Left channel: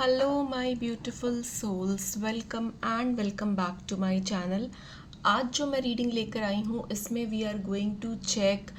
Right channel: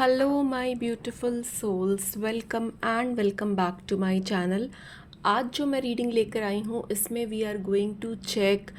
Hello my beautiful souls, welcome back to my channel. आज जो मैं रीडिंग लेकर आई हूँ इसमें we are going to check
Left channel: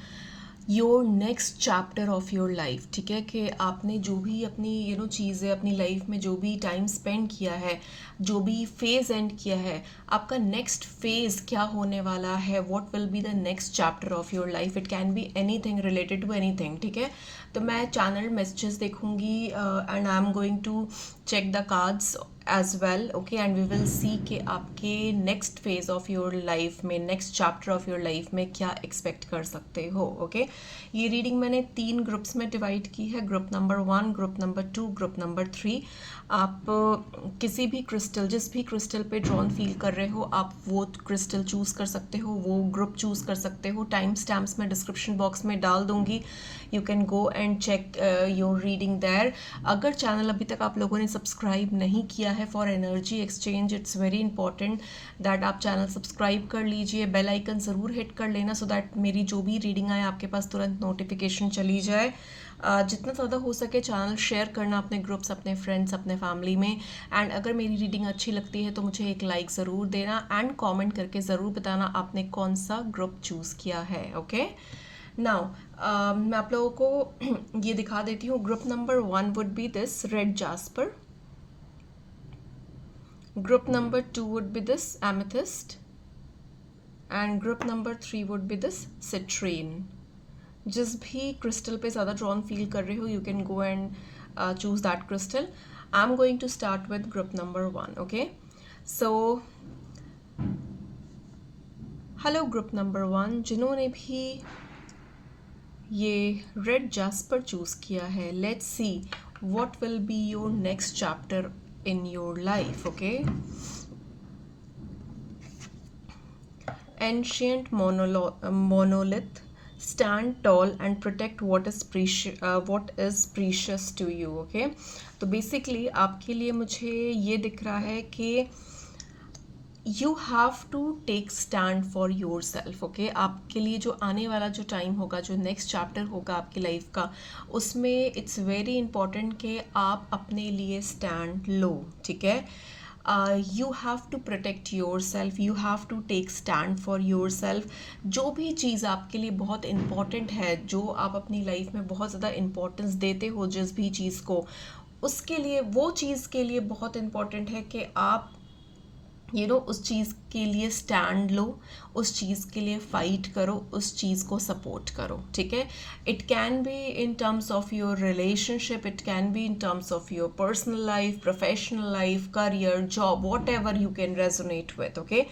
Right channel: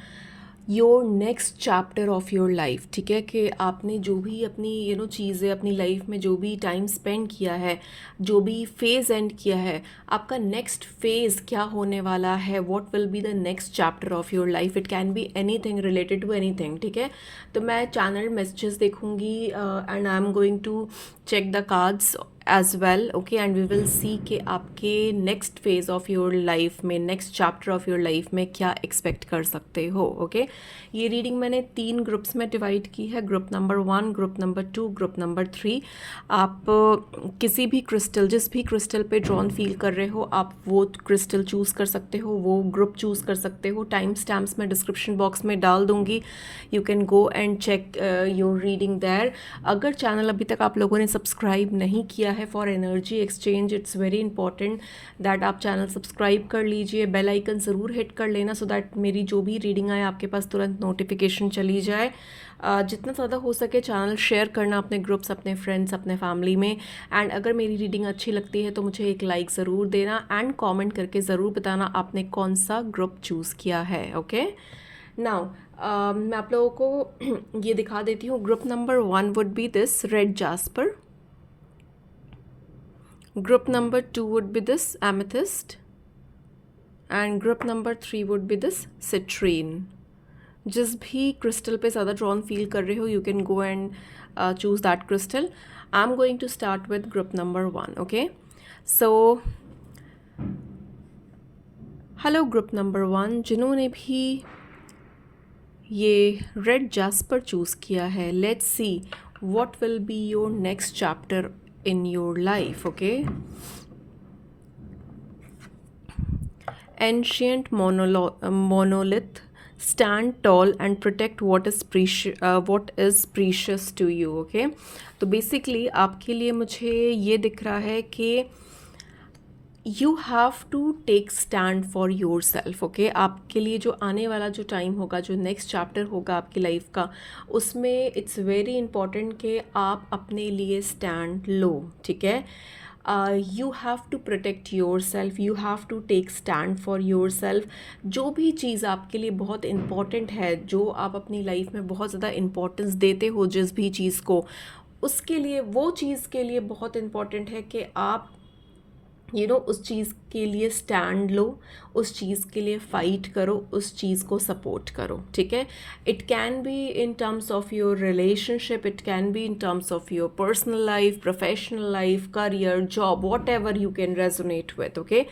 your next chapter of your life. ठीक है कि आपने जो भी अपनी चीज़ें अपनी लाइफ में जो भी टाइम स्पेंड किया है, जो भी फेज़ एंड किया है, आपका नेक्स्ट फेज़ क्या होने वाला है, what will be the next chapter of your life. It can be anything related to anything. ठीक है, तो मैं चैनल मैसेजेस देखूंगी and I am going to check the cards as well, okay, and we will see कि आपके next phase of your life में, next chapter of your life में क्या एक्सपेक्ट कर सकते हो। ओके, ये रीडिंग मैंने 3 ग्रुप्स में डिवाइड की है, group number 1, group number 2, group number 3। आप किसी भी क्रिस्टल, जिस भी क्रिस्टल पे ड्रॉन फील कर रहे हो, आप वो क्रिस्टल चूज़ कर सकते हो, वो ग्रुप चूज़ कर सकते हो। टाइम स्टैम्प्स मैं डिस्क्रिप्शन बॉक्स में डाल दूंगी, you can go and check your reading there. अगर चैनल अभी तक आप लोगों ने सब्सक्राइब नहीं किया है for energy exchange, it's very important that आप चैनल सब्सक्राइब कर लीजिए, बेल आइकन ज़रूर हिट कर लेना सो दैट मेरी जो भी रीडिंग आए आपके पास तुरंत नोटिफिकेशन चली जाए। जितना ज़्यादा हो सके चैनल शेयर करना अपने ग्रुप्स, अपने फ्रेंड्स, अपने फैमिली में। एंड अगर मेरी रीडिंग अच्छी लगती है तो मुझे एक लाइक ज़रूर देना एंड कमेंट करके ज़रूर बताना आपने कौन सा ग्रुप चूज़ किया है। ओके, नाउ मैं आप लोगों को ये दिखा देती हूँ। Group number 1 would be this red jasper, group number 2 would be this amethyst, and group number 3 would be this citrine. जिस भी क्रिस्टल पे ज़्यादा ड्रॉन फील कर रहे हो, you can go and choose that crystal. I am going to start with group number 1। Okay, so hello group number 1, जिन्होंने भी ये रेड जास्पर चूज़ किया है, let's see what will be your next chapter in your life. Okay, ancient monolith, stand tall and protect what is precious to you। okay, तो basically आपके लिए मुझे ये दिख रहा है कि you have to take stand for yourself. Okay, आपके लिए जो आने वाला जो टाइम होगा, जो नेक्स्ट चैप्टर होगा आपकी लाइफ का, उसमें इट्स वेरी इंपॉर्टेंट कि आप अपने लिए स्टैंड लो। ठीक है, you have to protect yourself, you have to take stand for yourself. जो भी चीज़ आपके लिए बहुत इंपॉर्टेंट है, जो आप अपनी लाइफ में बहुत ज़्यादा इंपॉर्टेंस देते हो जिस भी चीज़ को, उसके लिए, वो चीज़ के लिए बहुत इंपॉर्टेंट है कि आप उस चीज़ के लिए स्टैंड लो, उस चीज़ के लिए फ़ाइट करो, उस चीज़ को सपोर्ट करो। ठीक है, it can be in terms of your relationship, it can be in terms of your personal life, professional life, career, job, what ever you can resonate with. Okay,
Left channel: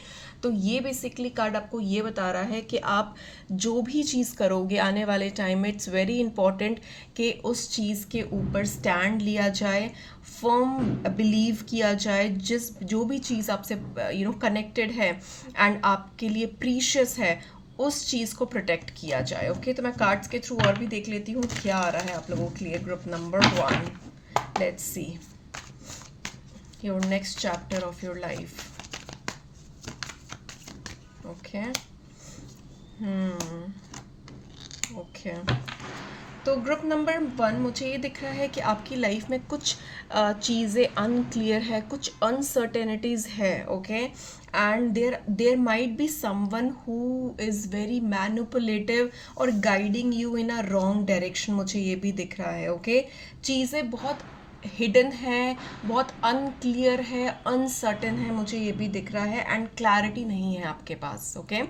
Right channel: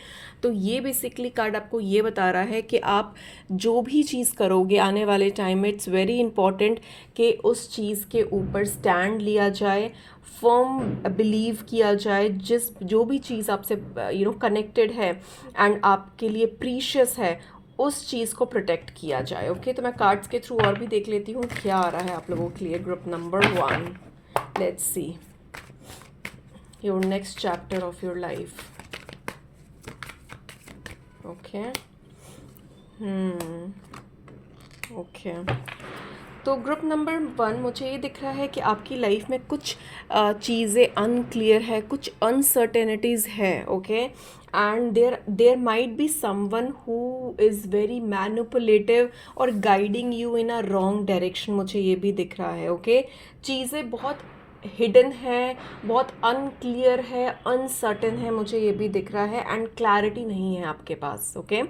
तो ये बेसिकली कार्ड आपको ये बता रहा है कि आप जो भी चीज़ करोगे आने वाले टाइम में, इट्स वेरी इंपॉर्टेंट कि उस चीज़ के ऊपर स्टैंड लिया जाए, फर्म बिलीव किया जाए। जो भी चीज़ आपसे कनेक्टेड है एंड आपके लिए प्रीशियस है, उस चीज़ को प्रोटेक्ट किया जाए। ओके, तो मैं कार्ड्स के थ्रू और भी देख लेती हूँ क्या आ रहा है आप लोगों के लिए। Group number 1, let's see your next chapter of your life. Okay, okay, तो ग्रुप नंबर 1 मुझे ये दिख रहा है कि आपकी लाइफ में कुछ चीज़ें अनक्लियर है, कुछ अनसर्टेनिटीज़ है। Okay, and there might be someone who is very manipulative और guiding you in a wrong direction, मुझे ये भी दिख रहा है। ओके, चीज़ें बहुत हिडन है, बहुत अनक्लियर है, अनसर्टेन है, मुझे ये भी दिख रहा है, एंड क्लैरिटी नहीं है आपके पास। ओके,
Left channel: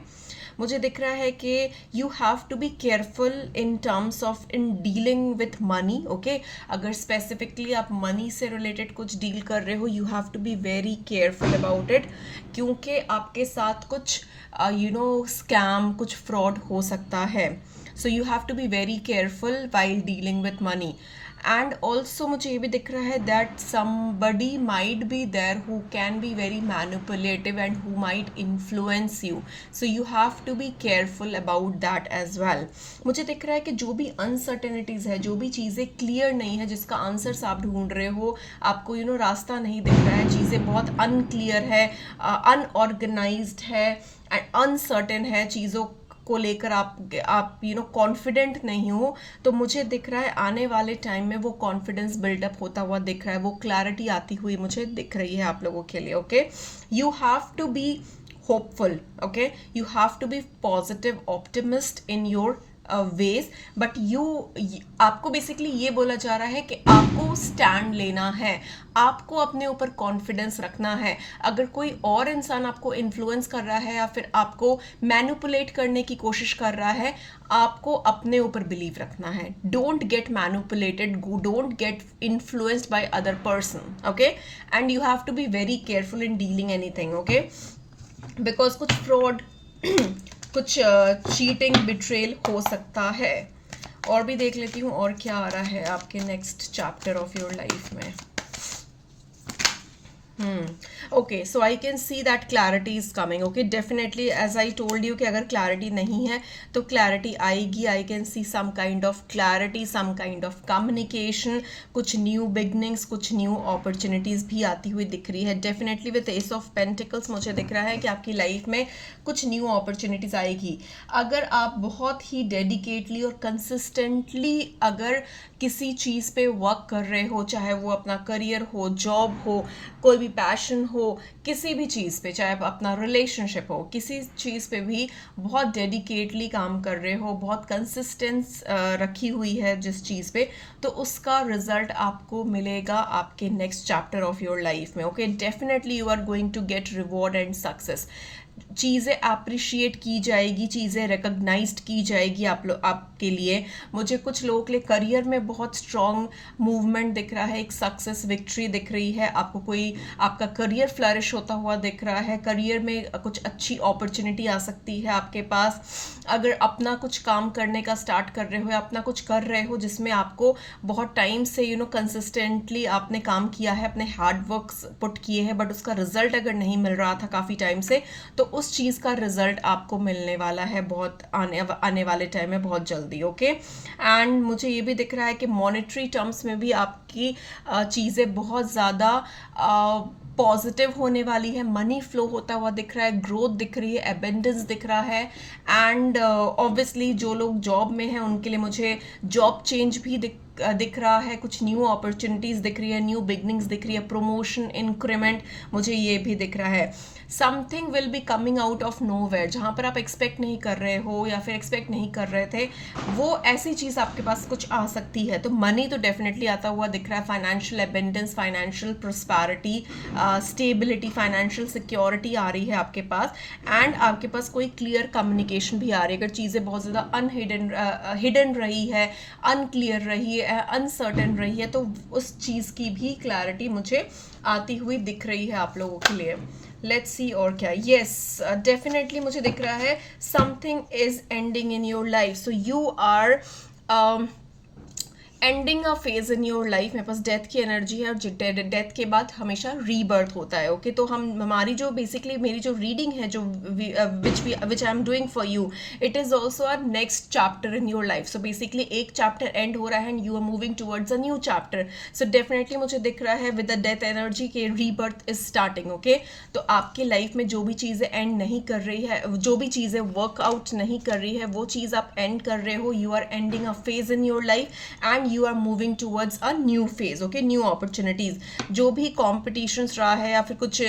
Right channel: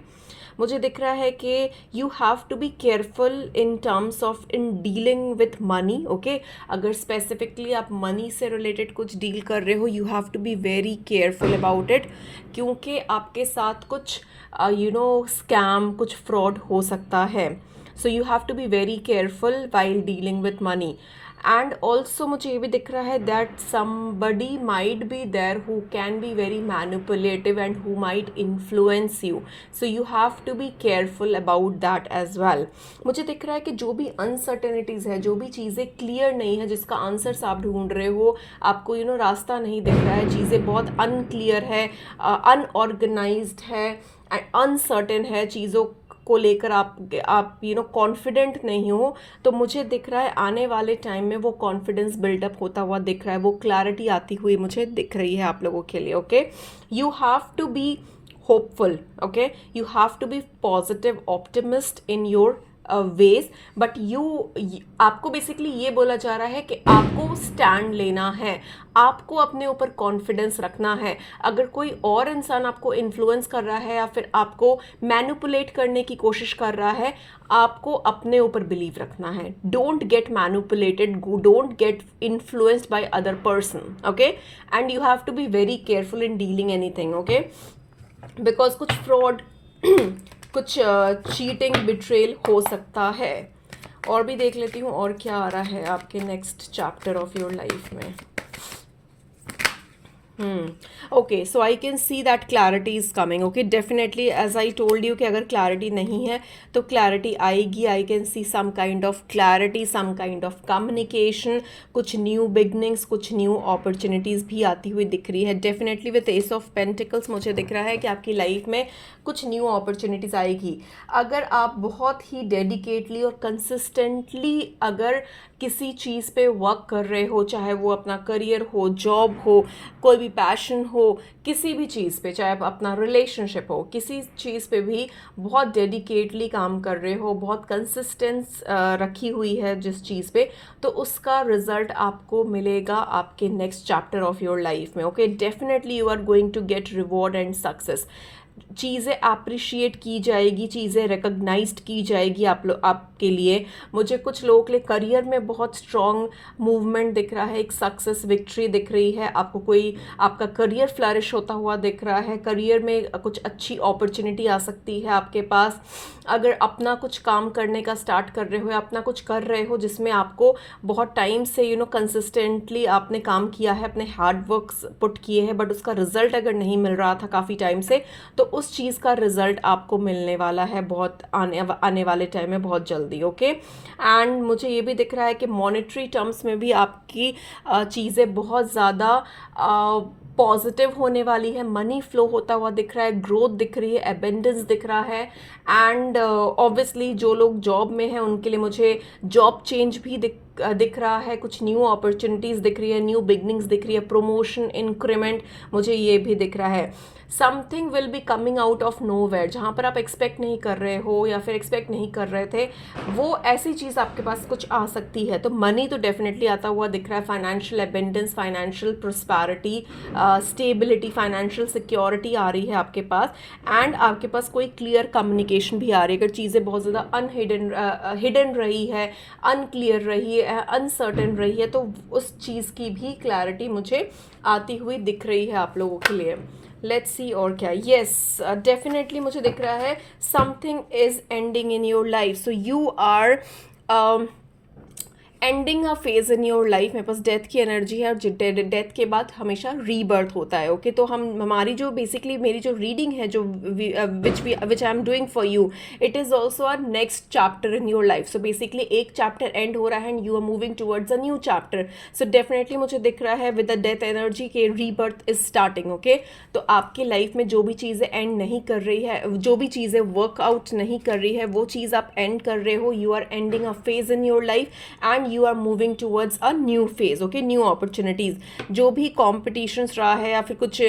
मुझे दिख रहा है कि you have to be careful in terms of in dealing with money. Okay, अगर स्पेसिफिकली आप मनी से रिलेटेड कुछ डील कर रहे हो, you have to be very careful about it, क्योंकि आपके साथ कुछ स्कैम, कुछ फ्रॉड हो सकता है। So you have to be very careful while dealing with money. And also मुझे ये भी दिख रहा है that somebody might be there who can be very manipulative and who might influence you, so you have to be careful about that as well. मुझे दिख रहा है कि जो भी अनसर्टेनिटीज़ है, जो भी चीज़ें क्लियर नहीं है, जिसका आंसर्स आप ढूंढ रहे हो, आपको रास्ता नहीं दिख रहा है, चीज़ें बहुत अनक्लियर है, अनऑर्गेनाइज्ड है एंड अनसर्टेन है, चीज़ों को लेकर आप कॉन्फिडेंट नहीं हो, तो मुझे दिख रहा है आने वाले टाइम में वो कॉन्फिडेंस बिल्डअप होता हुआ दिख रहा है, वो क्लैरिटी आती हुई मुझे दिख रही है आप लोगों के लिए. Okay, you have to be hopeful. Okay, you have to be positive optimist in your ways, but आपको बेसिकली ये बोला जा रहा है कि आपको स्टैंड लेना है, आपको अपने ऊपर कॉन्फिडेंस रखना है. अगर कोई और इंसान आपको इन्फ्लुएंस कर रहा है या फिर आपको मैनिपुलेट करने की कोशिश कर रहा है, आपको अपने ऊपर बिलीव रखना है. Don't get manipulated, don't get influenced by other person. Okay, and you have to be very careful in dealing anything. Okay, because कुछ फ्रॉड कुछ चीटिंग बिट्रेल हो सकता है. और भी देख लेती हूँ और क्या आ रहा है आपके next chapter of your life में. Okay, so I can see that clarity is coming. Okay, definitely as I told you कि अगर क्लैरिटी नहीं है तो क्लैरिटी आएगी. I can see some kind of clarity, some kind of communication, कुछ new beginnings, कुछ new opportunities भी आती हुई दिख रही है. Definitely with ace of pentacles मुझे दिख रहा है कि आपकी लाइफ में कुछ न्यू अपॉर्चुनिटीज़ आएगी. अगर आप बहुत ही डेडिकेटली और कंसिस्टेंटली अगर किसी चीज़ पे वर्क कर रहे हो, चाहे वो अपना करियर हो, जॉब हो, कोई भी पैशन हो, किसी भी चीज़ पे, चाहे अपना रिलेशनशिप हो, किसी चीज़ पे भी बहुत डेडिकेटली काम कर रहे हो, बहुत कंसिस्टेंस रखी हुई है जिस चीज़ पे, तो उसका रिजल्ट आपको मिलेगा आपके next chapter of your life में. Okay, definitely you are going to get reward and success. चीज़ें अप्रिशिएट की जाएगी, चीज़ें रिकॉग्नाइज्ड की जाएगी आपके लिए. मुझे कुछ लोगों के लिए करियर में बहुत स्ट्रॉन्ग मूवमेंट दिख रहा है, एक सक्सेस विक्ट्री दिख रही है. आपको कोई आपका करियर फ्लरिश होता हुआ दिख रहा है, करियर में कुछ अच्छी अपॉर्चुनिटी आ सकती है आपके पास. अगर अपना कुछ काम करने का स्टार्ट कर रहे हो या अपना कुछ कर रहे हो जिसमें आपको बहुत टाइम से कंसिस्टेंटली आपने काम किया है, अपने हार्ड वर्क्स पुट किए हैं, बट उसका रिजल्ट अगर नहीं मिल रहा था काफ़ी टाइम से, तो उस चीज़ का रिजल्ट आपको मिलने वाला है बहुत आने वाले टाइम में बहुत जल्दी. ओके, एंड मुझे ये भी दिख रहा है कि मॉनेटरी टर्म्स में भी आपकी चीज़ें बहुत ज़्यादा पॉजिटिव होने वाली है. मनी फ्लो होता हुआ दिख रहा है, ग्रोथ दिख रही है, एबेंडेंस दिख रहा है. एंड ऑब्वियसली जो लोग जॉब में हैं उनके लिए मुझे जॉब चेंज भी दिख रहा है, कुछ न्यू अपॉर्चुनिटीज़ दिख रही है, न्यू बिगनिंग्स दिख रही है, प्रमोशन, इंक्रीमेंट मुझे ये भी दिख रहा है. Something will be coming out of nowhere, जहाँ पर आप एक्सपेक्ट नहीं कर रहे हो या फिर एक्सपेक्ट नहीं कर रहे थे, वो ऐसी चीज़ आपके पास कुछ आ सकती है. तो मनी तो डेफिनेटली आता हुआ दिख रहा है, financial abundance, financial prosperity, stability, financial security आ रही है आपके पास. एंड आपके पास कोई क्लियर कम्युनिकेशन भी आ रही है. अगर चीज़ें बहुत ज़्यादा हिडन रही है, अनक्लियर रही है, अनसर्टेन रही है, तो उस चीज़ की भी क्लैरिटी मुझे आती हुई दिख रही है आप लोगों के लिए. लेट्स सी और क्या. येस, डेफिनेटली मुझे दिख रहा है something is ending in your life. So you are ending a phase in your life. मेरे पास डेथ की एनर्जी है और डेथ के बाद हमेशा रीबर्थ होता है. ओके, तो हमारी जो बेसिकली मेरी जो रीडिंग है, जो which I am doing for you, it is also our next chapter in your life. So basically एक चैप्टर एंड हो रहा है and you are moving towards a new chapter. So definitely मुझे दिख रहा है विद द डेथ एनर्जी के rebirth is starting. Okay, तो आपके लाइफ में जो भी चीज़ें एंड नहीं कर रही है, जो भी चीज़ें वर्कआउट नहीं कर रही है, वो चीज़ आप एंड कर रहे हो. You are ending a phase in your life and you are moving towards a new phase. Okay, new opportunities. जो भी competitions रहा है या फिर कुछ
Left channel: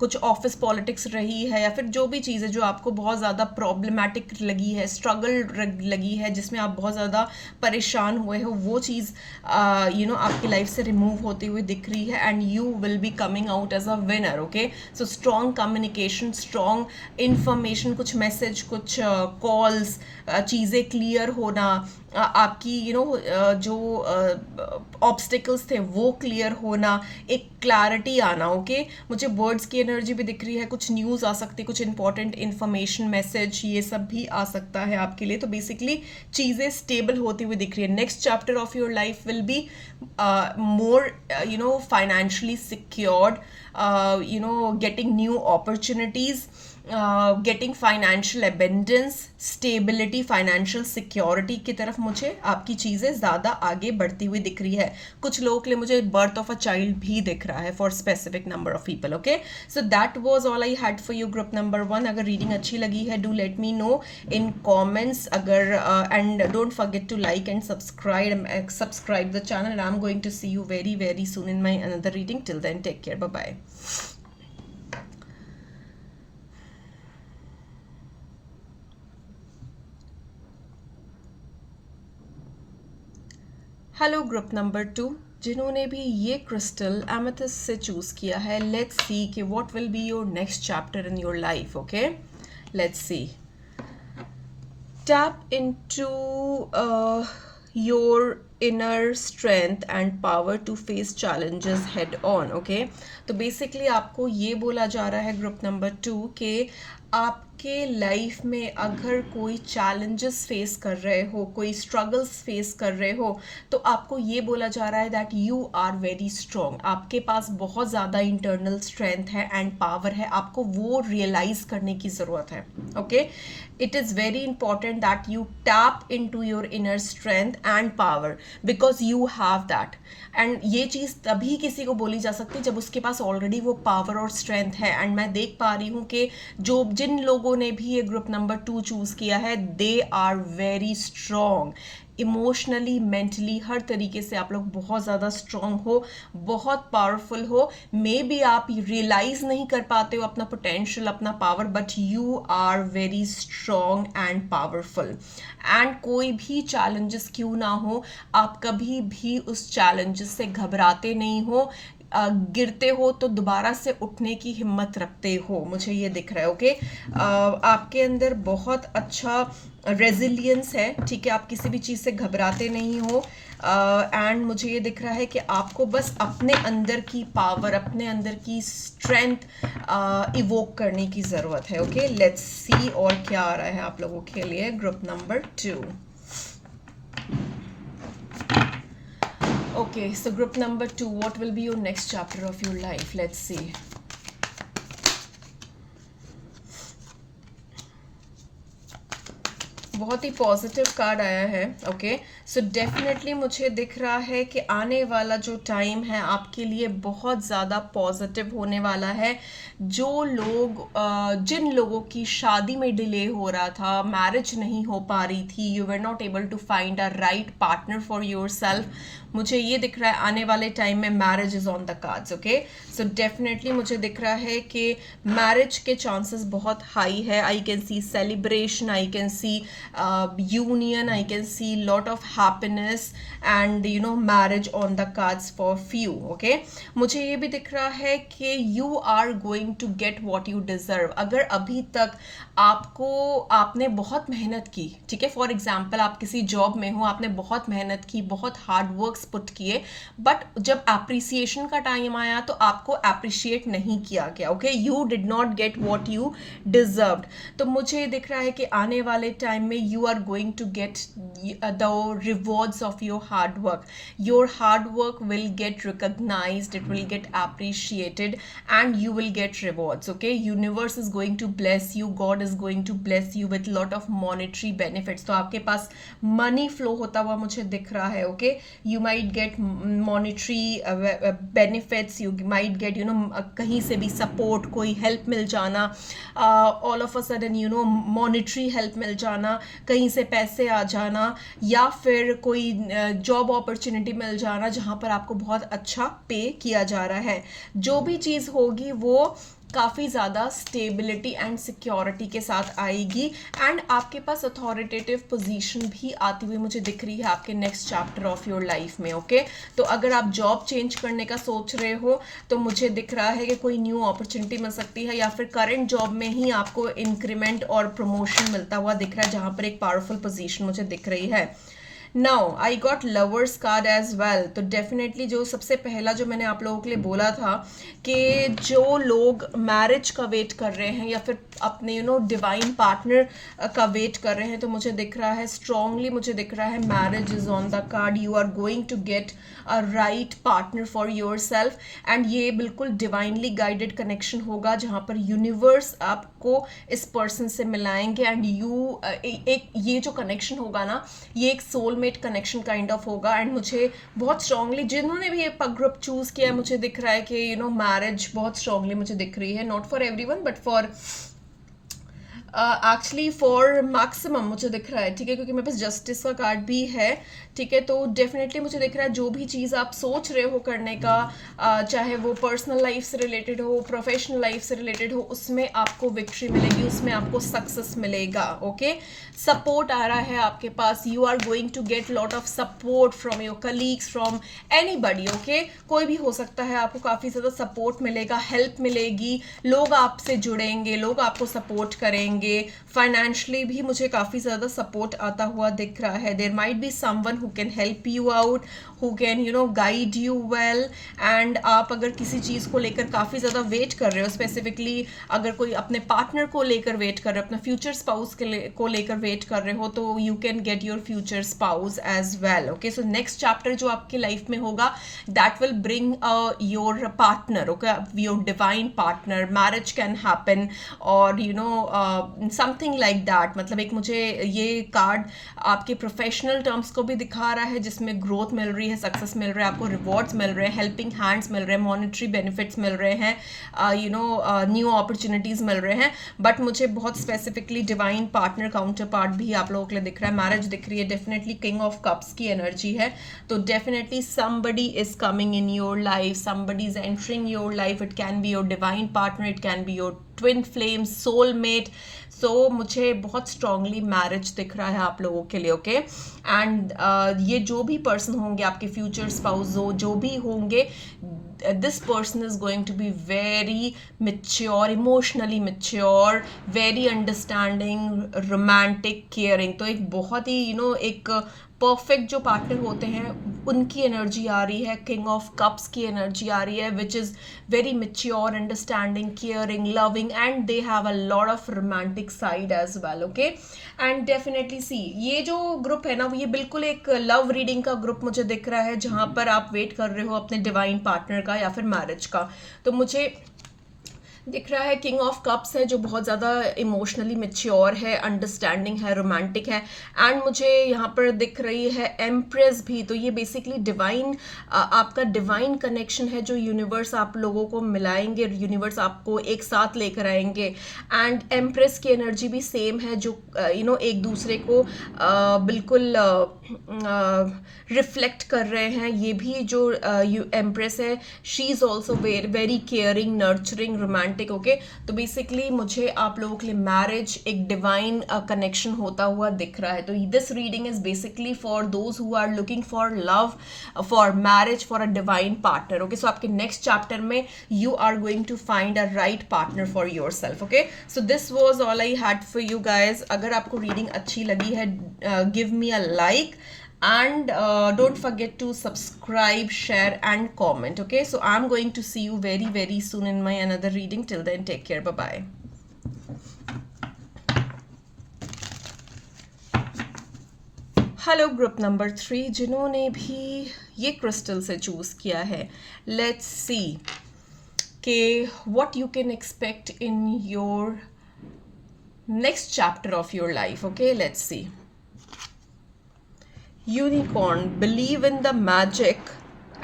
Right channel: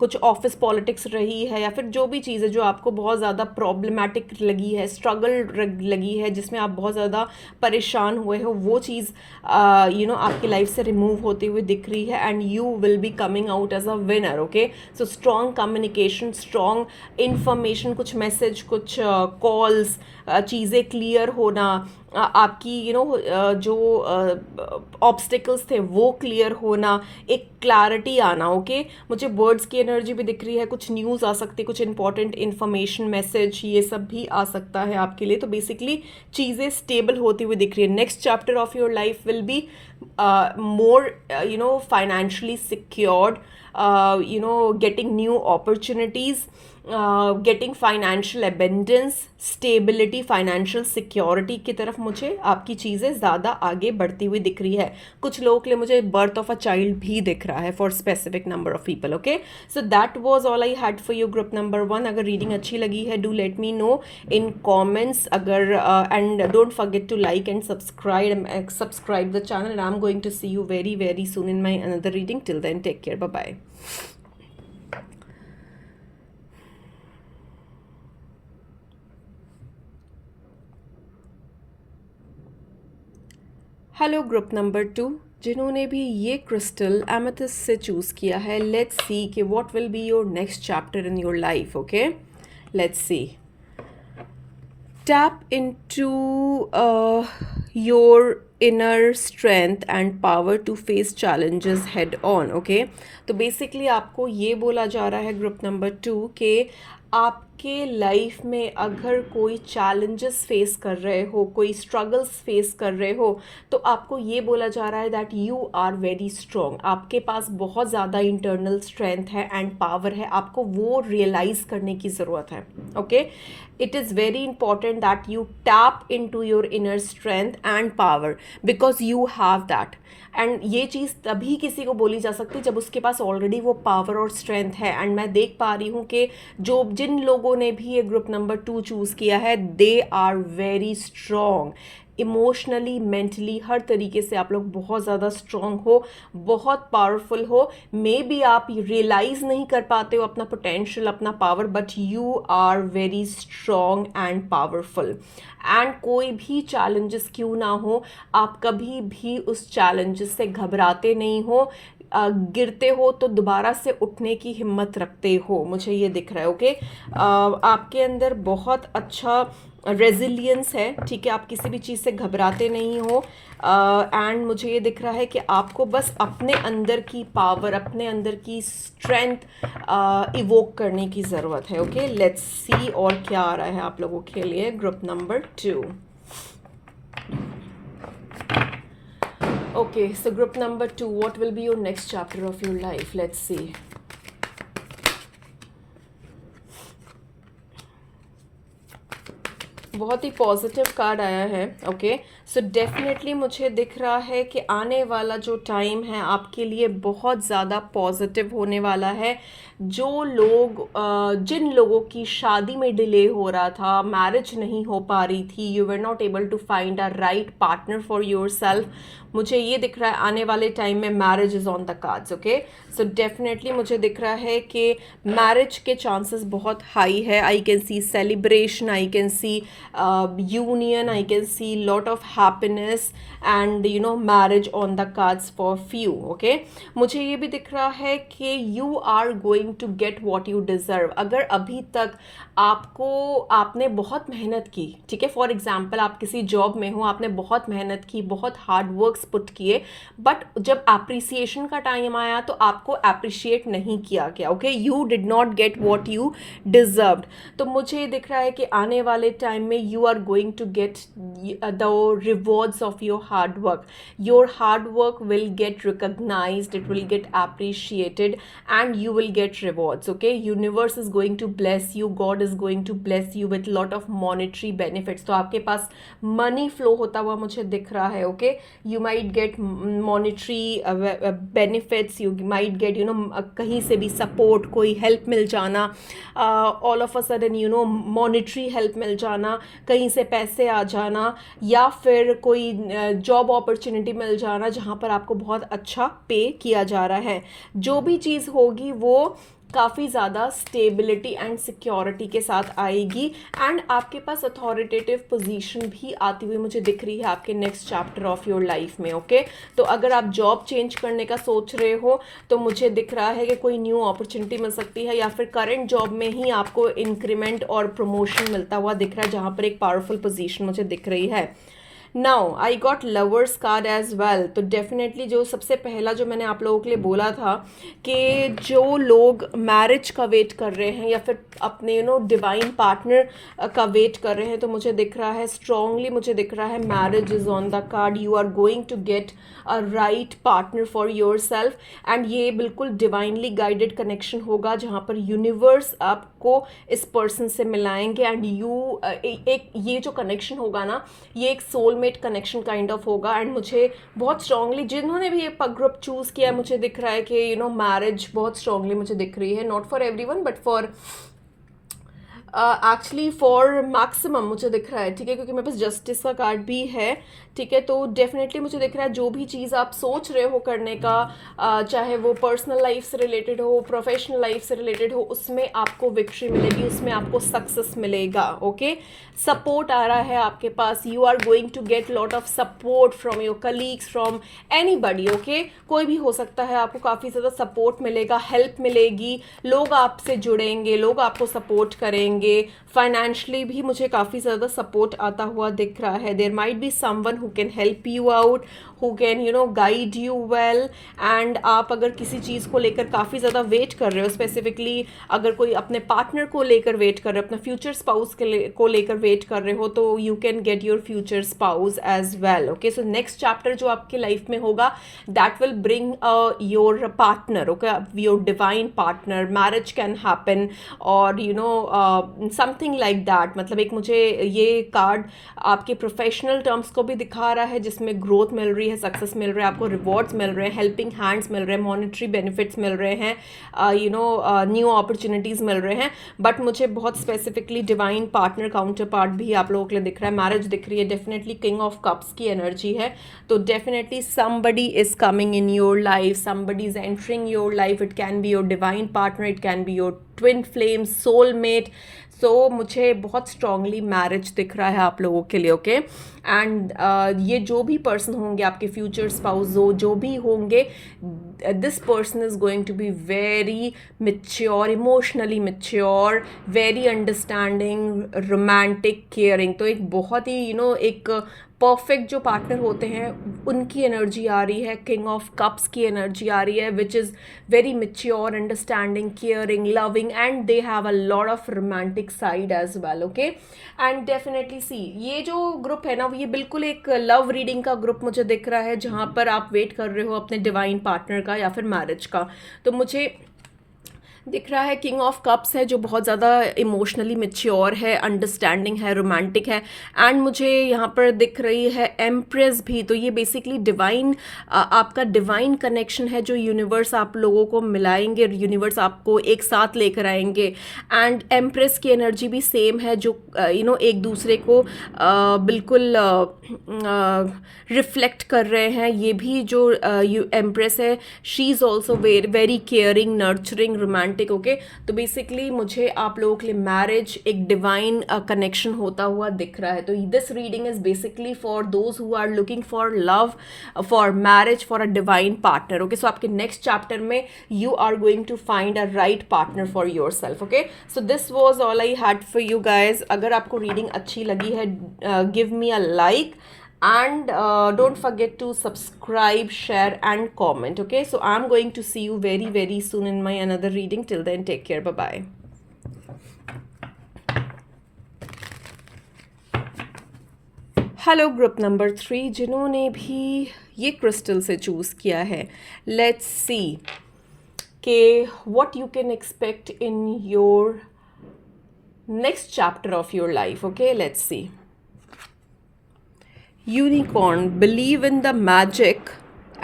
कुछ ऑफिस पॉलिटिक्स रही है या फिर जो भी चीज़ है जो आपको बहुत ज़्यादा प्रॉब्लमैटिक लगी है, स्ट्रगल लगी है, जिसमें आप बहुत ज़्यादा परेशान हुए हो, वो चीज़ आपकी लाइफ से रिमूव होती हुई दिख रही है and you will be coming out as a winner. Okay, so strong communication, strong information, कुछ मैसेज, कुछ कॉल्स, चीज़ें क्लियर होना, आपकी जो ऑब्स्टिकल्स थे वो क्लियर होना, एक क्लैरिटी आना. ओके, मुझे वर्ड्स की एनर्जी भी दिख रही है, कुछ न्यूज़ आ सकती है, कुछ इंपॉर्टेंट इन्फॉर्मेशन, मैसेज, ये सब भी आ सकता है आपके लिए. तो बेसिकली चीज़ें स्टेबल होती हुई दिख रही है. Next chapter of your life will be more financially secured, getting new opportunities, getting financial abundance, stability, financial security की तरफ मुझे आपकी चीज़ें ज़्यादा आगे बढ़ती हुई दिख रही है। कुछ लोगों के लिए मुझे बर्थ ऑफ अ चाइल्ड भी दिख रहा है for specific number of people. Okay, so that was all I had for you group number 1। अगर रीडिंग अच्छी लगी है do let me know in comments. अगर and don't forget to like and subscribe the channel and I am going to see you very very soon in my another reading. Till then take care, bye bye. Hello group number 2, जिन्होंने भी ये crystal amethyst से choose किया है, let's see कि what will be your next chapter in your life. Okay, let's see. Tap into your inner strength and power to face challenges head on. Okay, तो basically आपको ये बोला जा रहा है ग्रुप नंबर 2 के आपके लाइफ में अगर कोई चैलेंजेस फेस कर रहे हो, कोई स्ट्रगल्स फेस कर रहे हो, तो आपको ये बोला जा रहा है that you are very strong. आपके पास बहुत ज़्यादा इंटरनल स्ट्रेंथ है एंड पावर है, आपको वो रियलाइज़ करने की ज़रूरत है। Okay, it is very important that you tap into your inner strength and power because you have that। And ये चीज़ तभी किसी को बोली जा सकती है जब उसके पास ऑलरेडी वो पावर और स्ट्रेंथ है। एंड मैं देख पा रही हूँ कि जिन लोगों ने भी ये ग्रुप नंबर 2 चूज़ किया है, they are very strong emotionally, mentally, हर तरीके से आप लोग बहुत ज़्यादा स्ट्रॉन्ग हो, बहुत पावरफुल हो। मे बी आप रियलाइज़ नहीं कर पाते हो अपना पोटेंशियल, अपना power, but you are very strong and powerful. And कोई भी चैलेंजेस क्यों ना हो, आप कभी भी उस चैलेंजेस से घबराते नहीं हो। गिरते हो तो दोबारा से उठने की हिम्मत रखते हो, मुझे ये दिख रहा है। ओके, आपके अंदर बहुत अच्छा रेजिलियंस है, ठीक है, आप किसी भी चीज़ से घबराते नहीं हो। एंड मुझे ये दिख रहा है कि आपको बस अपने अंदर की पावर, अपने अंदर की स्ट्रेंथ इवोक करने की ज़रूरत है। ओके, लेट्स सी और क्या आ रहा है आप लोगों के लिए group number 2। Okay, so group number 2, what will be your next chapter of your life? Let's see. बहुत ही पॉजिटिव कार्ड आया है। ओके, सो डेफिनेटली मुझे दिख रहा है कि आने वाला जो टाइम है आपके लिए बहुत ज़्यादा पॉजिटिव होने वाला है। जिन लोगों की शादी में डिले हो रहा था, मैरिज नहीं हो पा रही थी, you were not able to find a right partner for yourself, मुझे ये दिख रहा है आने वाले टाइम में marriage is on the cards. Okay, so definitely मुझे दिख रहा है कि मैरिज के चांसेस बहुत हाई है। आई can C celebration, I can C union, I can see lot of happiness and marriage on the cards for few। okay, मुझे ये भी दिख रहा है कि you are going to get what you deserve। अगर अभी तक आपने बहुत मेहनत की, ठीक है, फॉर एग्जाम्पल आप किसी जॉब में हो, आपने बहुत मेहनत की, बहुत हार्ड वर्क्स पुट किए, बट जब एप्रिसिएशन का टाइम आया तो आपको अप्रिशिएट नहीं किया गया। Okay, you did not get what you deserved. तो मुझे दिख रहा है कि आने वाले टाइम में you are going to get the rewards of your hard work। your hard work will get recognized, it will get appreciated and you will get rewards। okay, universe is going to bless you, God is going to bless you with lot of monetary benefits। तो आपके पास money flow होता हुआ मुझे दिख रहा है। okay, you might get monetary benefits, you might get कहीं से भी सपोर्ट, कोई हेल्प मिल जाना, all of a sudden monetary help मिल जाना, कहीं से पैसे आ जाना, या फिर कोई जॉब अपॉर्चुनिटी मिल जाना जहाँ पर आपको बहुत अच्छा पे किया जा रहा है। जो भी चीज़ होगी वो काफ़ी ज़्यादा स्टेबिलिटी एंड सिक्योरिटी के साथ आएगी एंड आपके पास अथॉरिटेटिव पोजीशन भी आती हुई मुझे दिख रही है आपके next chapter of your life में। ओके, तो अगर आप जॉब चेंज करने का सोच रहे हो तो मुझे दिख रहा है कि कोई न्यू अपॉर्चुनिटी मिल सकती है, या फिर करंट जॉब में ही आपको इंक्रीमेंट और प्रमोशन मिलता हुआ दिख रहा है जहाँ पर एक पावरफुल पोजीशन मुझे दिख रही है। Now I got lovers card as well. तो डेफिनेटली जो सबसे पहला जो मैंने आप लोगों के लिए बोला था कि जो लोग मैरिज का वेट कर रहे हैं या फिर अपने डिवाइन पार्टनर का वेट कर रहे हैं, तो मुझे दिख रहा है स्ट्रांगली, मुझे दिख रहा है marriage is on the card. You are going to get a right partner for yourself, and ये बिल्कुल डिवाइनली गाइडेड कनेक्शन होगा जहाँ पर यूनिवर्स आपको इस पर्सन से मिलाएंगे। एंड एक ये जो कनेक्शन होगा ना, ये एक सोलमेट कनेक्शन काइंड ऑफ होगा। एंड मुझे बहुत स्ट्रांगली, जिन्होंने भी ये ग्रुप चूज़ किया है, मुझे दिख रहा है कि मैरिज बहुत स्ट्रांगली मुझे दिख रही है, not for everyone but for actually for maximum मुझे दिख रहा है, ठीक है, क्योंकि मेरे पास जस्टिस का कार्ड भी है, ठीक है। तो डेफिनेटली मुझे दिख रहा है जो भी चीज़ आप सोच रहे हो करने का, चाहे वो पर्सनल लाइफ से रिलेटेड हो, प्रोफेशनल लाइफ से रिलेटेड हो, उसमें आपको विक्ट्री मिलेगी, उसमें आपको सक्सेस मिलेगा। ओके, सपोर्ट आ रहा है आपके पास, you are going to get lot of support from your colleagues, from anybody. Okay, कोई भी हो सकता है, आपको काफ़ी ज़्यादा सपोर्ट मिलेगा, हेल्प मिलेगी, लोग आपसे जुड़ेंगे, लोग आपको सपोर्ट करेंगे। फाइनेंशियली भी मुझे काफ़ी ज़्यादा सपोर्ट आता हुआ दिख रहा है। There might be someone who can help you out, who can guide you well. And आप अगर किसी चीज़ को लेकर काफ़ी ज़्यादा वेट कर रहे हो, स्पेसिफिकली अगर कोई अपने पार्टनर को लेकर वेट कर रहे हो, अपना फ्यूचर स्पाउस को लेकर वेट कर रहे हो, तो you can get your future spouse as well. Okay, so next chapter जो आपके लाइफ में होगा, that will bring your partner, okay, your divine partner, marriage can happen, और समथिंग लाइक दैट। मतलब एक मुझे ये कार्ड आपके प्रोफेशनल टर्म्स को भी दिखा रहा है, जिसमें ग्रोथ मिल रही है, सक्सेस मिल रहा है, आपको रिवॉर्ड्स मिल रहे हैं, हेल्पिंग हैंड्स मिल रहे हैं, मॉनेटरी बेनिफिट्स मिल रहे हैं, न्यू अपॉर्चुनिटीज़ मिल रहे हैं। बट मुझे बहुत specifically divine partner, counter part भी आप लोगों के लिए दिख रहा है, मैरिज दिख रही है, डेफिनेटली किंग ऑफ कप्स की एनर्जी है। तो definitely somebody is coming in your life, somebody is entering your life, it can be your divine partner, it can be your twin flame, soulmate। सो मुझे बहुत strongly marriage दिख रहा है आप लोगों के लिए। ओके, एंड ये जो भी पर्सन होंगे, आपके फ्यूचर स्पाउस जो भी होंगे, this person is going to be very mature, emotionally mature, very understanding, romantic, caring. तो एक बहुत ही एक परफेक्ट जो पार्टनर होते हैं, उनकी एनर्जी आ रही है, किंग ऑफ कप्स की एनर्जी आ रही है, which is very mature, understanding, caring, loving, and they have a lot of romantic side as well. Okay, and definitely see, ये जो ग्रुप है ना, ये बिल्कुल एक लव रीडिंग का ग्रुप मुझे दिख रहा है, जहाँ पर आप वेट कर रहे हो अपने डिवाइन पार्टनर का या फिर मैरिज का। तो मुझे दिख रहा है किंग ऑफ कप्स है, जो बहुत ज़्यादा इमोशनली मेच्योर है, अंडरस्टैंडिंग है, रोमांटिक है। एंड मुझे यहाँ पर दिख रही है एम्प्रेस भी। तो ये बेसिकली डिवाइन, आपका डिवाइन कनेक्शन है, जो यूनिवर्स आप लोगों को मिलाएंगे, यूनिवर्स आपको एक साथ लेकर आएंगे। एंड एम्प्रेस की एनर्जी भी सेम है, जो एक दूसरे को बिल्कुल रिफ्लेक्ट कर रहे हैं। ये भी जो एम्प्रेस है, she is also very caring, nurturing, romantic. Okay, तो बेसिकली मुझे आप लोगों के लिए मैरिज एक डिवाइन कनेक्शन होता हुआ दिख रहा है। तो this reading is basically for those who are looking for love, for marriage, for a divine partner. Okay, so आपके नेक्स्ट चैप्टर में you are going to find a right partner for yourself. Okay, so this was all I had for you guys. अगर आपको reading अच्छी लगी है, give me a like, and don't forget to subscribe, share and comment. Okay, so I'm going to see you very soon in my another reading. Till then, take care. Bye bye. Hello group number 3, जिन्होंने भी ये crystal से choose किया है, let's see कि what you can expect in your next chapter of your life. Okay, let's C. Unicorn, believe in the magic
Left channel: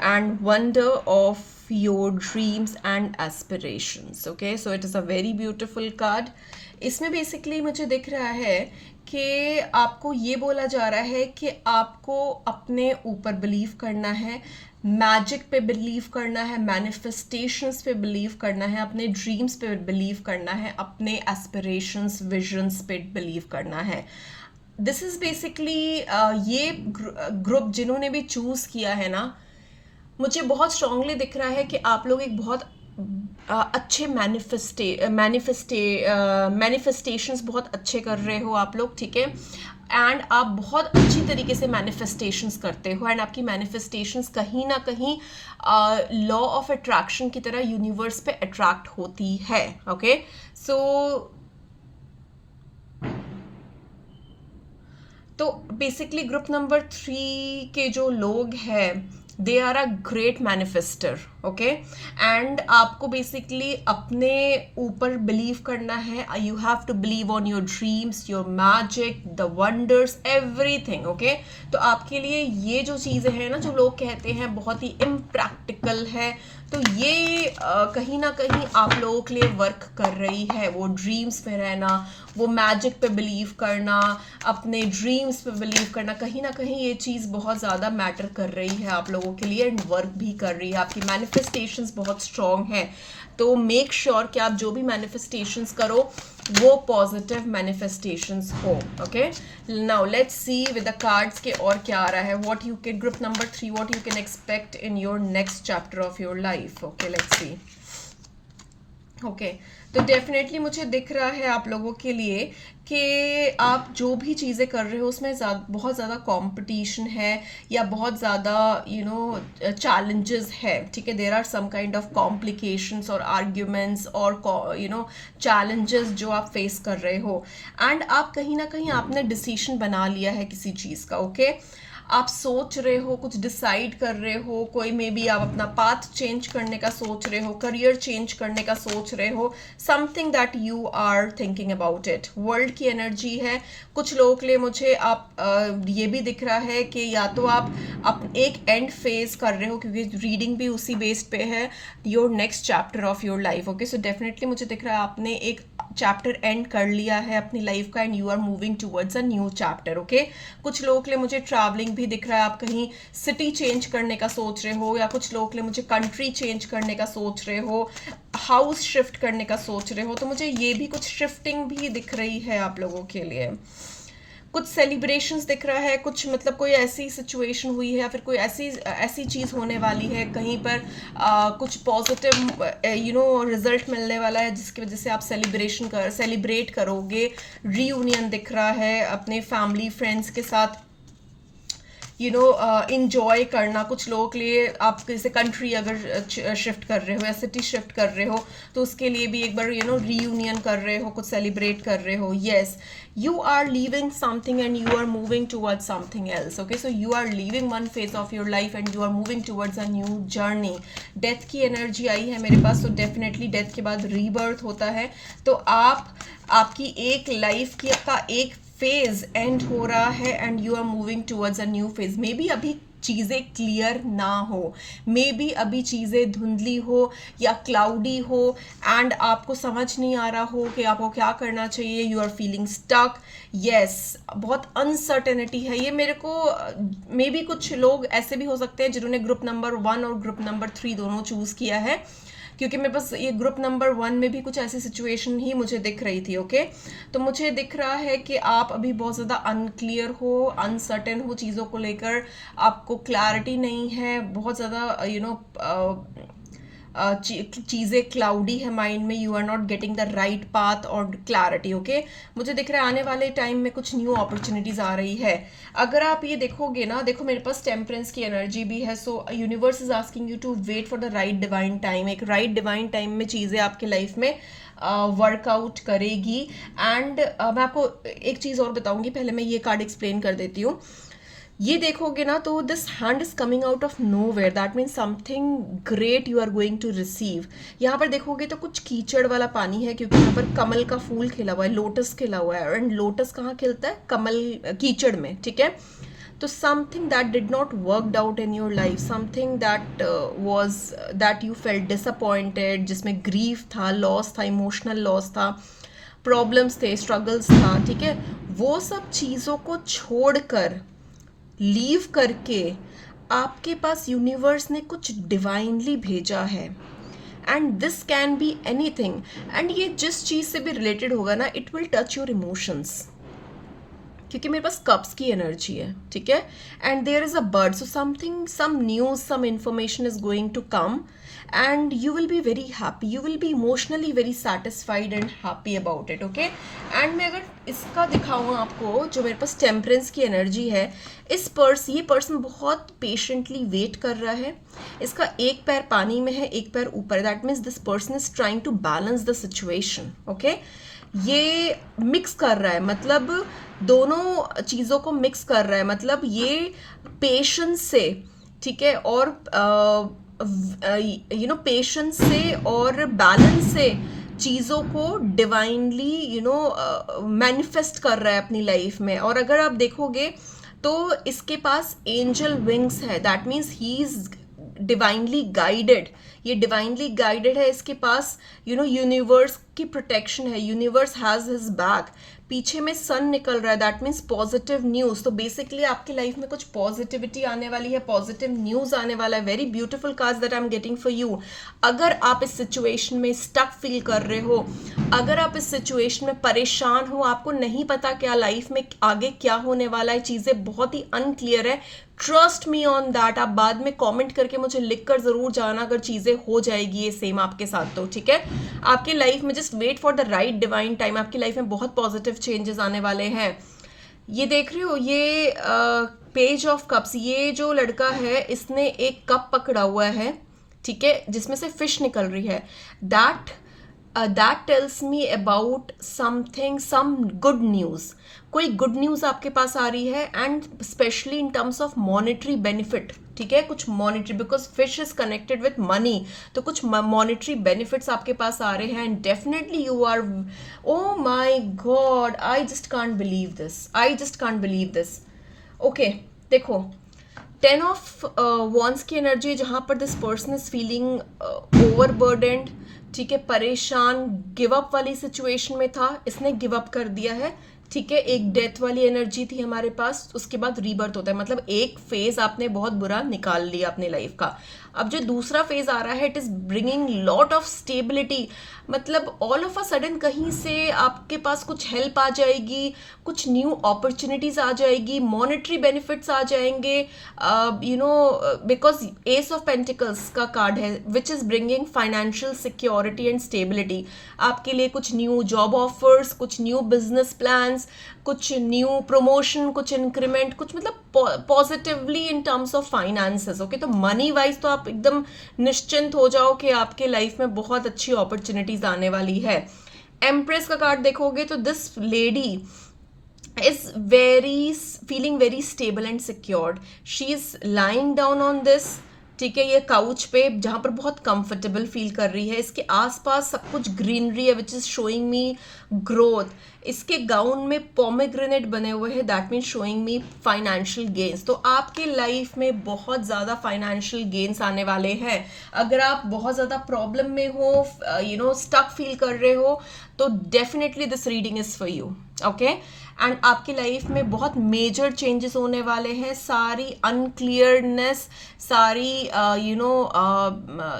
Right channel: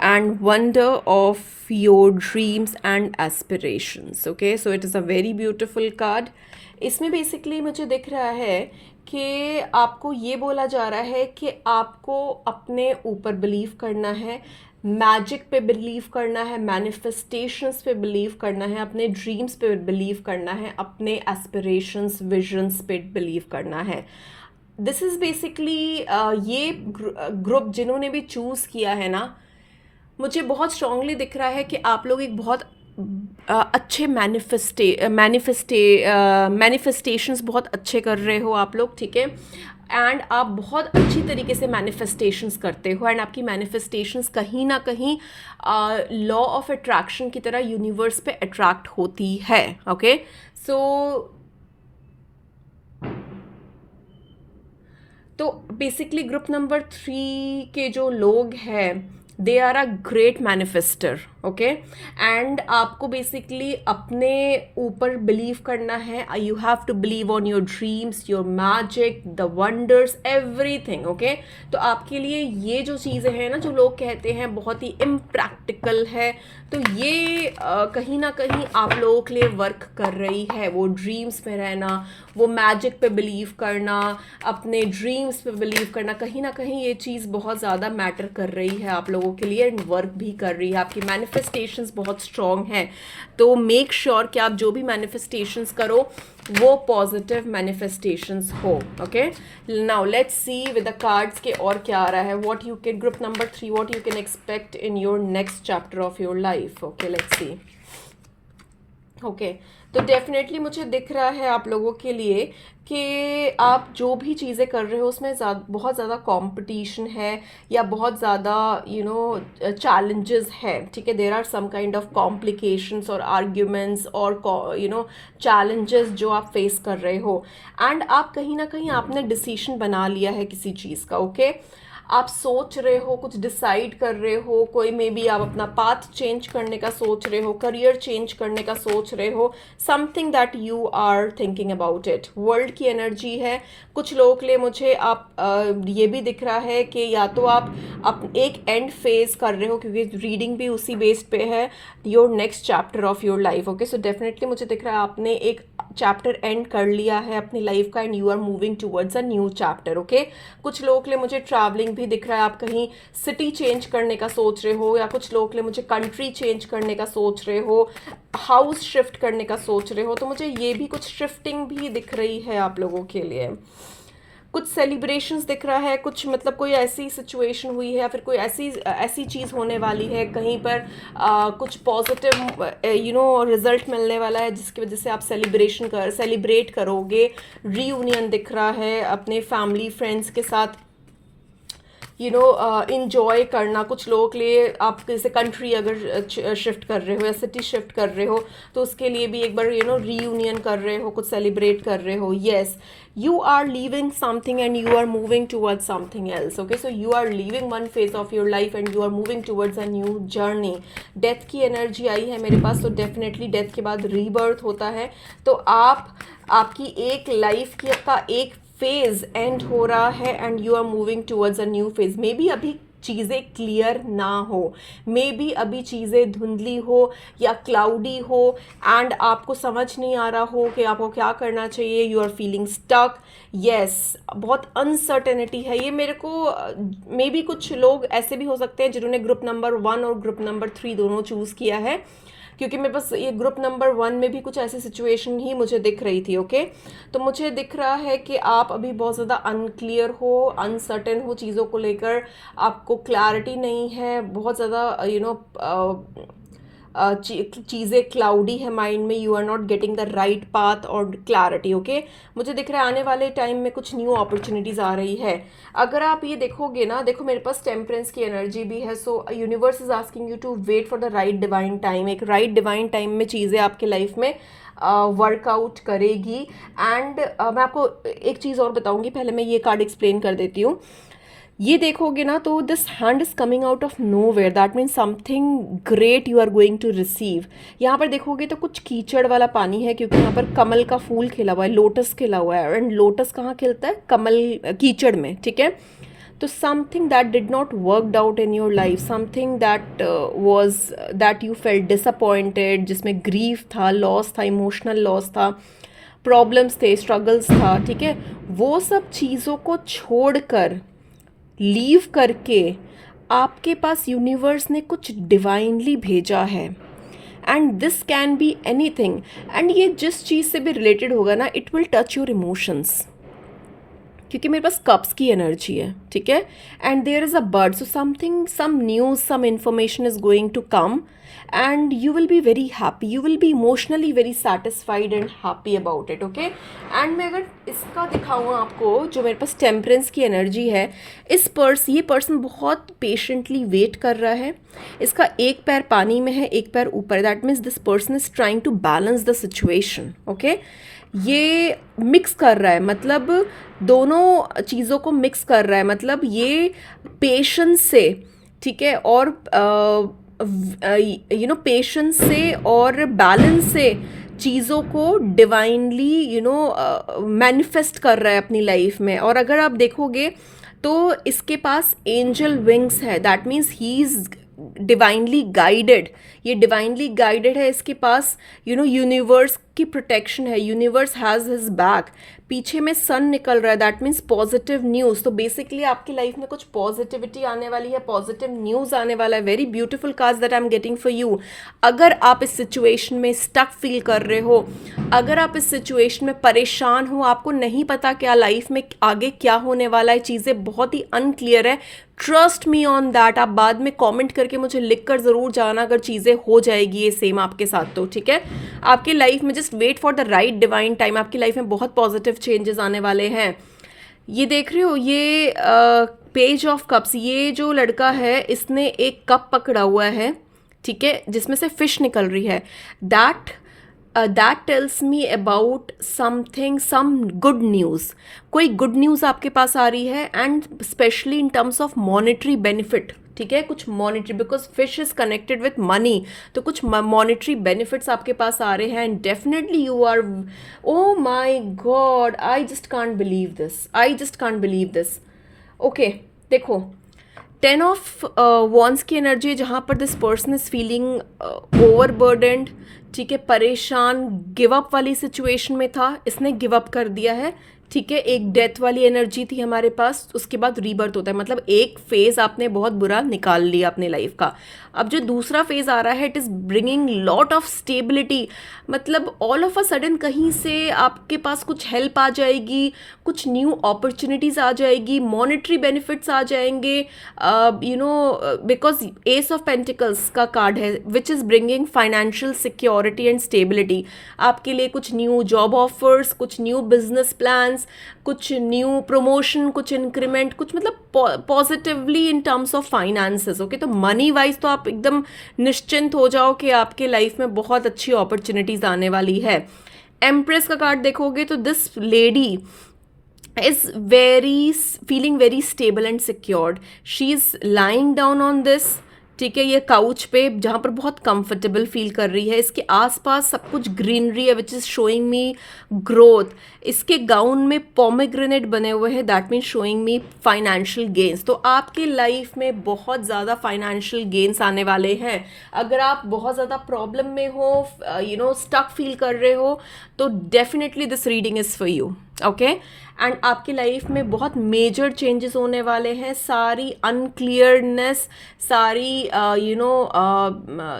and wonder of your dreams and aspirations. Okay, so it is a very beautiful card. इसमें basically मुझे दिख रहा है कि आपको ये बोला जा रहा है कि आपको अपने ऊपर बिलीव करना है, मैजिक पे बिलीव करना है, मैनिफेस्टेशंस पे बिलीव करना है, अपने ड्रीम्स पे बिलीव करना है, अपने एस्पिरेशंस, विजन्स पे बिलीव करना है. दिस इज़ बेसिकली ये ग्रुप जिन्होंने भी चूज़ किया है ना, मुझे बहुत स्ट्रांगली दिख रहा है कि आप लोग एक बहुत अच्छे मैनिफेस्टेशंस बहुत अच्छे कर रहे हो आप लोग. ठीक है, एंड आप बहुत अच्छी तरीके से मैनिफेस्टेशंस करते हो, एंड आपकी मैनिफेस्टेशंस कहीं ना कहीं लॉ ऑफ अट्रैक्शन की तरह यूनिवर्स पे अट्रैक्ट होती है. ओके, सो तो बेसिकली ग्रुप नंबर 3 के जो लोग हैं, they are a great manifester. Okay, and आपको बेसिकली अपने ऊपर बिलीव करना है. You have to believe on your dreams, your magic, the wonders, everything. Okay, तो आपके लिए ये जो चीज़ें हैं ना, जो लोग कहते हैं बहुत ही इम्प्रैक्टिकल है, तो ये कहीं ना कहीं आप लोगों के लिए वर्क कर रही है. वो ड्रीम्स में रहना, वो मैजिक पे बिलीव करना, अपने ड्रीम्स पे बिलीव करना, कहीं ना कहीं ये चीज़ बहुत ज़्यादा मैटर कर रही है आप लोगों के लिए, एंड वर्क भी कर रही है. आपकी मैनिफेस्टेशंस बहुत स्ट्रॉन्ग है. तो मेक श्योर कि आप जो भी मैनिफेस्टेशंस करो वो पॉजिटिव मैनिफेस्टेशंस हो. Okay, now let's see with the cards के और क्या आ रहा है. What you can, group number 3, what you can expect in your next chapter of your life. Okay, let's C. Okay, तो डेफिनेटली मुझे दिख रहा है आप लोगों के लिए कि आप जो भी चीज़ें कर रहे हो उसमें बहुत ज़्यादा कंपटीशन है, या बहुत ज़्यादा चैलेंजेस है. ठीक है, there are some kind of complications और आर्ग्यूमेंट्स और चैलेंजेस जो आप फेस कर रहे हो, एंड आप कहीं ना कहीं आपने डिसीजन बना लिया है किसी चीज़ का. ओके, आप सोच रहे हो, कुछ डिसाइड कर रहे हो, कोई मे बी आप अपना पाथ चेंज करने का सोच रहे हो, करियर चेंज करने का सोच रहे हो, something that you are thinking about it. World की एनर्जी है. कुछ लोगों के लिए मुझे आप ये भी दिख रहा है कि या तो आप एक एंड फेज कर रहे हो, क्योंकि रीडिंग भी उसी बेस्ड पे है, your next chapter of your life. Okay, so definitely मुझे दिख रहा है आपने एक चैप्टर एंड कर लिया है अपनी लाइफ का, and you are moving towards a new chapter. Okay, कुछ लोगों के लिए मुझे ट्रैवलिंग भी दिख रहा है. आप कहीं सिटी चेंज करने का सोच रहे हो, या कुछ लोगों के लिए मुझे कंट्री चेंज करने का सोच रहे हो, हाउस शिफ्ट करने का सोच रहे हो. तो मुझे ये भी कुछ शिफ्टिंग भी दिख रही है आप लोगों के लिए. कुछ सेलिब्रेशंस दिख रहा है, कुछ मतलब कोई ऐसी सिचुएशन हुई है, या फिर कोई ऐसी चीज़ होने वाली है कहीं पर, कुछ पॉजिटिव रिजल्ट मिलने वाला है, जिसकी वजह से आप सेलिब्रेट करोगे. रीयूनियन दिख रहा है अपने फैमिली फ्रेंड्स के साथ, इंजॉय करना. कुछ लोगों के लिए आप जैसे कंट्री अगर शिफ्ट कर रहे हो या सिटी शिफ्ट कर रहे हो, तो उसके लिए भी एक बार रीयूनियन कर रहे हो, कुछ सेलिब्रेट कर रहे हो. Yes, you are leaving something and you are moving towards something else. Okay, so you are leaving one phase of your life and you are moving towards a new journey. Death की energy आई है मेरे पास, तो definitely death के बाद rebirth होता है. तो आपकी एक लाइफ का एक फेज एंड हो रहा है, and you are moving towards a new phase. Maybe अभी चीज़ें क्लियर ना हो, मे बी अभी चीज़ें धुंधली हो या क्लाउडी हो, एंड आपको समझ नहीं आ रहा हो कि आपको क्या करना चाहिए. You are feeling stuck. Yes, बहुत अनसर्टेनिटी है. ये मेरे को मे बी कुछ लोग ऐसे भी हो सकते हैं जिन्होंने ग्रुप नंबर 1 और ग्रुप नंबर 3 दोनों चूज़ किया है, क्योंकि मेरे पास ये ग्रुप नंबर 1 में भी कुछ ऐसी सिचुएशन ही मुझे दिख रही थी. ओके, तो मुझे दिख रहा है कि आप अभी बहुत ज़्यादा अनक्लियर हो, अनसर्टेन हो चीज़ों को लेकर, आपको क्लैरिटी नहीं है, बहुत ज़्यादा चीज़ें क्लाउडी है माइंड में. You are not getting the right path और क्लैरिटी. ओके, मुझे दिख रहा है आने वाले टाइम में कुछ न्यू अपॉर्चुनिटीज़ आ रही है. अगर आप ये देखोगे ना, देखो मेरे पास टेम्परेंस की एनर्जी भी है. So universe is asking you to wait for the right divine time. एक राइट डिवाइन टाइम में चीज़ें आपके लाइफ में वर्कआउट करेगी. एंड मैं आपको एक चीज़ और बताऊंगी, पहले मैं ये कार्ड एक्सप्लेन कर देती हूँ. ये देखोगे ना, तो this hand is coming out of nowhere, that means something great you are going to receive. यहाँ पर देखोगे तो कुछ कीचड़ वाला पानी है, क्योंकि यहाँ पर कमल का फूल खिला हुआ है, लोटस खिला हुआ है, एंड लोटस कहाँ खिलता है? कीचड़ में. ठीक है, तो something that did not worked out in your life, something that you felt disappointed, जिसमें ग्रीफ था, लॉस था, इमोशनल लॉस था, प्रॉब्लम्स थे, स्ट्रगल्स था. ठीक है, वो सब चीज़ों को छोड़कर, लीव करके आपके पास यूनिवर्स ने कुछ डिवाइनली भेजा है. And this can be anything, and ये जिस चीज़ से भी रिलेटेड होगा ना, it will touch your emotions. क्योंकि मेरे पास कप्स की एनर्जी है, ठीक है, and there is a bird, so something, some news, some information is going to come and you will be very happy, you will be emotionally very satisfied and happy about it, okay? And मैं अगर इसका दिखाऊँ आपको, जो मेरे पास temperance की energy है, ये पर्सन बहुत पेशेंटली वेट कर रहा है, इसका एक पैर पानी में है, एक पैर ऊपर, that means this person is trying to balance the situation, okay? ये मिक्स कर रहा है, मतलब दोनों चीज़ों को मिक्स कर रहा है, मतलब ये पेशेंस से, ठीक है, और पेशेंस से और बैलेंस से चीज़ों को डिवाइनली मैनिफेस्ट कर रहा है अपनी लाइफ में। और अगर आप देखोगे तो इसके पास एंजल विंग्स है, that means he is divinely guided, ये डिवाइनली गाइडेड है, इसके पास यूनिवर्स की प्रोटेक्शन है, यूनिवर्स हैज़ हिज बैक, पीछे में सन निकल रहा है, दैट मीन्स पॉजिटिव न्यूज़। तो बेसिकली आपकी लाइफ में कुछ पॉजिटिविटी आने वाली है, पॉजिटिव न्यूज़ आने वाला है। Very beautiful cards that I am getting for you. अगर आप इस सिचुएशन में स्टक फील कर रहे हो, अगर आप इस सिचुएशन में परेशान हो, आपको नहीं पता क्या लाइफ में आगे क्या होने वाला है, चीज़ें बहुत ही अनक्लियर है, ट्रस्ट मी ऑन दैट। आप बाद में कमेंट करके मुझे लिख कर ज़रूर जाना अगर चीज़ें हो जाएगी ये सेम आपके साथ, तो ठीक है। आपकी लाइफ में just wait for the right divine time, आपकी लाइफ में बहुत पॉजिटिव चेंजेस आने वाले हैं। ये देख रहे हो, ये पेज ऑफ कप्स, ये जो लड़का है इसने एक कप पकड़ा हुआ है, ठीक है, जिसमें से फिश निकल रही है। That tells me about something, some good news, कोई गुड न्यूज़ आपके पास आ रही है, and specially in terms of monetary benefit, ठीक है, कुछ monetary, because fish is connected with money, तो कुछ मॉनेटरी बेनिफिट्स आपके पास आ रहे हैं, and definitely you are, oh my god, I just can't believe this, I just can't believe this. Okay, देखो, 10 ऑफ वॉन्स की एनर्जी है, जहाँ पर दिस पर्सन इज फीलिंग ओवरबर्डन्ड, ठीक है, परेशान, गिव अप वाली सिचुएशन में था, इसने गिव अप कर दिया है, ठीक है। एक डेथ वाली एनर्जी थी हमारे पास, उसके बाद रीबर्थ होता है, मतलब एक फेज आपने बहुत बुरा निकाल लिया अपने लाइफ का। अब जो दूसरा फेज आ रहा है, it is bringing lot of stability, मतलब ऑल ऑफ अ सडन कहीं से आपके पास कुछ हेल्प आ जाएगी, कुछ न्यू अपॉर्चुनिटीज़ आ जाएगी, मॉनेटरी बेनिफिट्स आ जाएंगे, बिकॉज एस ऑफ पेंटिकल्स का कार्ड है which is bringing financial security and stability. आपके लिए कुछ न्यू जॉब ऑफर्स, कुछ न्यू बिजनेस प्लान्स, कुछ न्यू प्रमोशन, कुछ इंक्रीमेंट, कुछ मतलब positively in terms of finances, okay. तो मनी वाइज तो आप एकदम निश्चिंत हो जाओ कि आपके लाइफ में बहुत अच्छी अपॉर्चुनिटीज आने वाली है। एम्प्रेस का कार्ड देखोगे तो this lady is feeling very stable and secured. She is lying down on this, ठीक है, ये काउच पे, जहाँ पर बहुत कंफर्टेबल फील कर रही है। इसके आसपास सब कुछ ग्रीनरी है which is showing me growth. इसके गाउन में पोमेग्रेनेट बने हुए हैं, that means showing me financial gains. तो आपकी लाइफ में बहुत ज़्यादा फाइनेंशियल गेन्स आने वाले हैं। अगर आप बहुत ज़्यादा प्रॉब्लम में हो, स्टक फील कर रहे हो, तो definitely this reading is for you, okay. And आपकी लाइफ में बहुत मेजर चेंजेस होने वाले हैं। सारी अनक्लियरनेस, सारी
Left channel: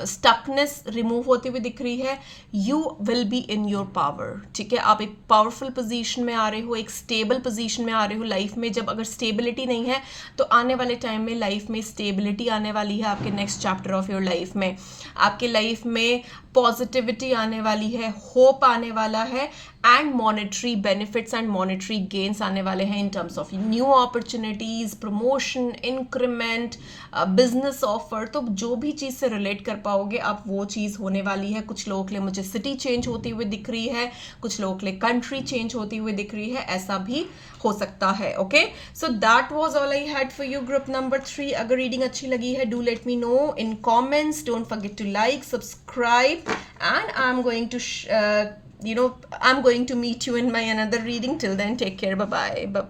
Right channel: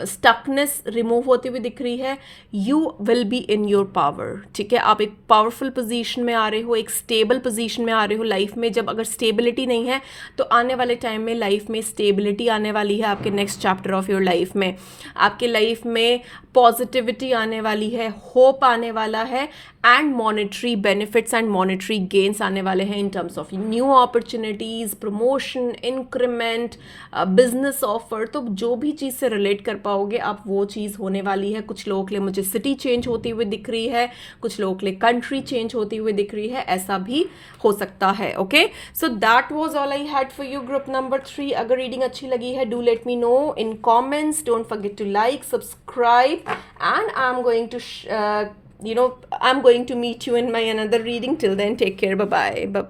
स्टकनेस रिमूव होती हुई दिख रही है। You will be in your power, ठीक है। आप एक पावरफुल पोजीशन में आ रहे हो, एक स्टेबल पोजीशन में आ रहे हो लाइफ में। जब अगर स्टेबिलिटी नहीं है तो आने वाले टाइम में लाइफ में स्टेबिलिटी आने वाली है। आपके next chapter of your life में आपके लाइफ में पॉजिटिविटी आने वाली है, होप आने वाला है, and monetary benefits and monetary gains आने वाले हैं इन terms of new opportunities, promotion, increment, business offer. तो जो भी चीज़ से रिलेट कर पाओगे आप, वो चीज़ होने वाली है। कुछ लोगों के लिए मुझे सिटी चेंज होती हुई दिख रही है, कुछ लोगों के लिए कंट्री चेंज होती हुई दिख रही है, ऐसा भी हो सकता है, okay. So that was all I had for you, group number 3। अगर रीडिंग अच्छी लगी है, do let me know in comments, don't forget to like, subscribe, and I'm going to meet you in my another reading. Till then, take care. Bye bye.